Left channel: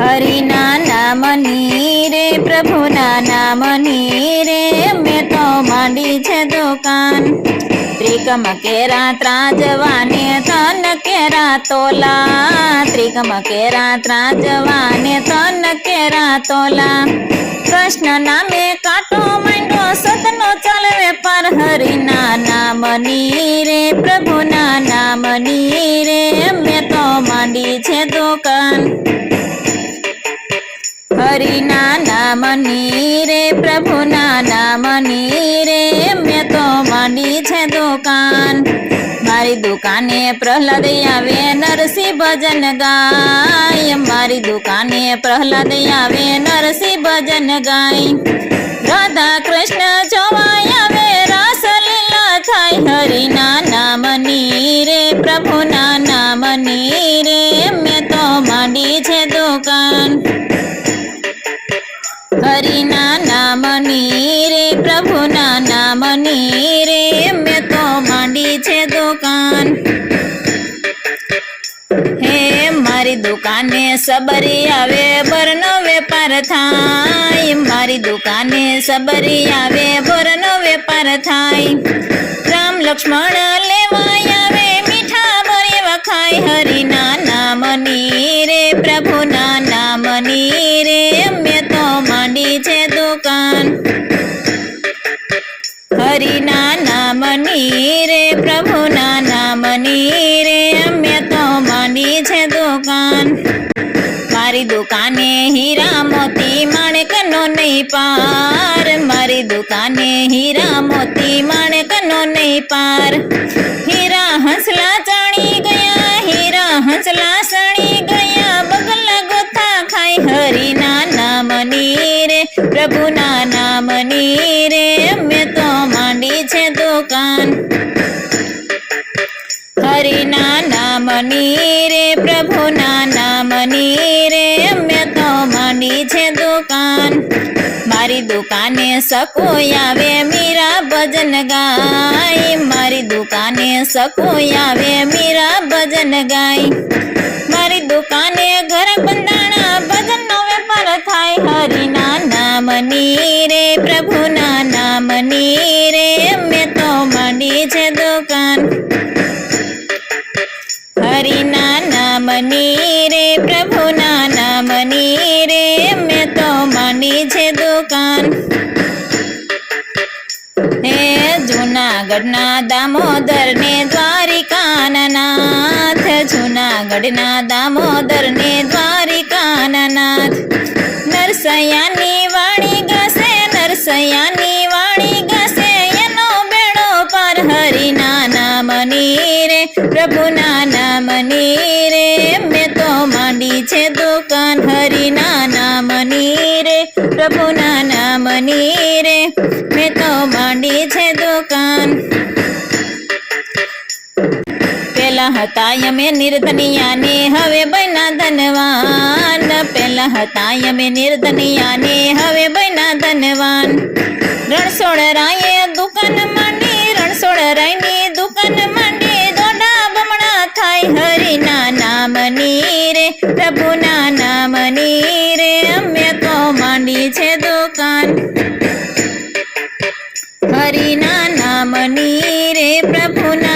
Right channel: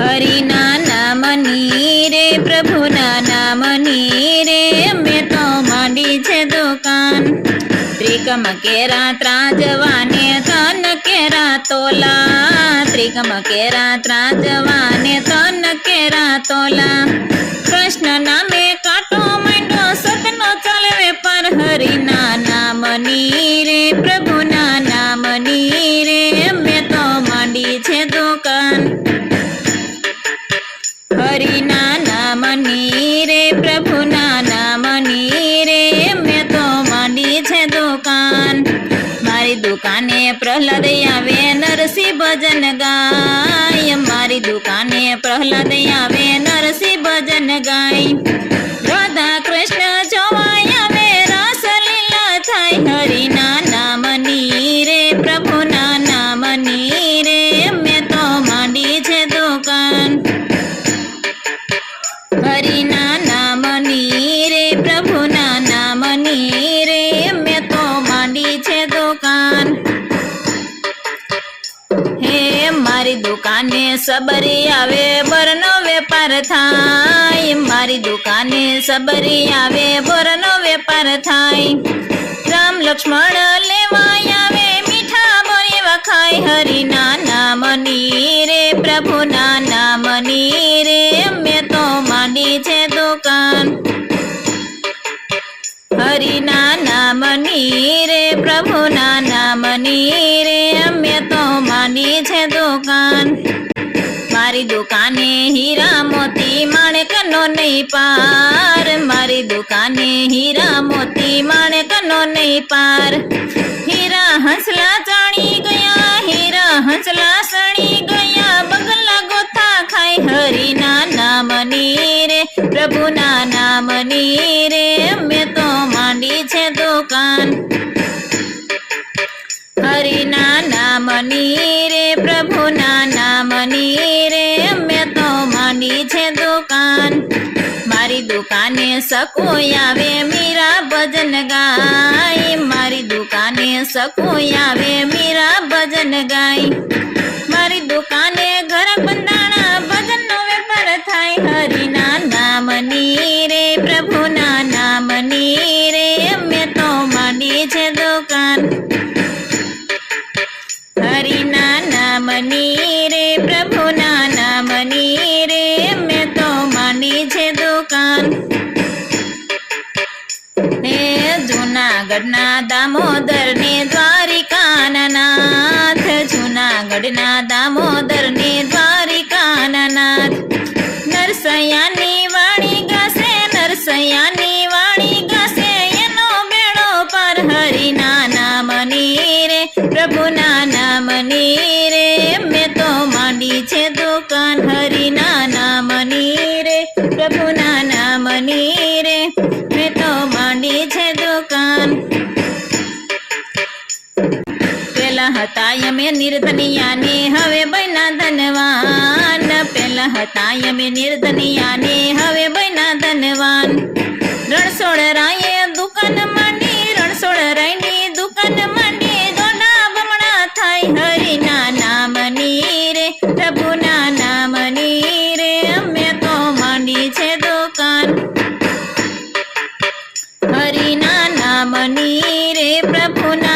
હરિના નામની રે પ્રભુના નામની રે મેં તો માંડી છે દુકાન ત્રિકમ કેરા ત્રાજવાને તન કેરા તોલા ત્રિકમ કેરા ત્રાજવાને તન કેરા તોલા કૃષ્ણ નામે કાંટો માંડ્યો સતનો ચાલવે પર હરિના નામની રે પ્રભુના નામની રે મેં તો માંડી છે દુકાન હરિના નામની રે પ્રભુના નામની રે મેં તો માંડી છે દુકાન મારી દુકાને પ્રહલાદ આવે નરસિંહ ભજન ગાય મારી દુકાને પ્રહલાદ આવે નરસિંહ ભજન ગાય રાધા કૃષ્ણ જોવાય આવે રાસલીલા થાય હરિના નામની રે પ્રભુના નામની રે મેં તો માંડી છે દુકાન હરિના નામની રે પ્રભુના નામની રે મેં તો માંડી છે દુકાન હે મારી દુકાને સબરી આવે બરનો વેપાર થાય મારી દુકાને સબરી આવે બરનો વેપાર થાય રામ લક્ષ્મણ લેવાય આવે મીઠા બોરે વખાય હરિના નામની રે પ્રભુના નામની રે મેં તો માંડી છે દુકાન હરિના નામની રે પ્રભુના નામની રે મેં તો માંડી છે દુકાન મારી દુકાને હીરા મોતી માણેકનો નહીં પાર મારી દુકાને હીરા મોતી માણેકનો નહીં પાર હીરા હંસલા ચાણી ગયા હીરા હંસલા સણી ગયા બગલા ગોથા ખાય હરિના નામની રે પ્રભુના નામની રે મેં તો માંડી છે દુકાન હરિના નામની રે પ્રભુના નામની રે મેં તો માંડી છે દુકાન મારી દુકાને સકોય આવે મીરા ભજન ગાય મારી દુકાને સકોય આવે મીરા ભજન ગાય મારી દુકાને ઘર બંધાણા ભજનનો વેપાર થાય હરિના નામની રે પ્રભુના નામની રે મેં તો માંડી છે દુકાન હરિના નામની રે પ્રભુના નામની રે મેં તો માંડી છે દુકાન હે જૂનાગઢના દામોદર ને દ્વારિકાના નાથ જૂનાગઢના દામોદર ને દ્વારિકાના નાથ નરસૈયાની વાણી ગાશે નરસૈયાની વાણી ગાશે એનો બેડો પર હરિના નામની રે પ્રભુના નામની રે મેં તો માંડી છે દુકાન હરિના નામની રે પ્રભુના નામની રે મેં તો માંડી છે દુકાન પેલા હતા અમે નિર્ધનિયાને હવે બન્યા ધનવાન પેલા હતા અમે નિર્ધનિયાને હવે બન્યા ધનવાન રણછોડ રાયે દુકાન માંડી રણછોડ રાયની દુકાન માંડી દોડા બમણા થાય હરિના નામની રે પ્રભુના નામની રે મેં તો માંડી છે દુકાન હરિના નામની રે પ્રભુના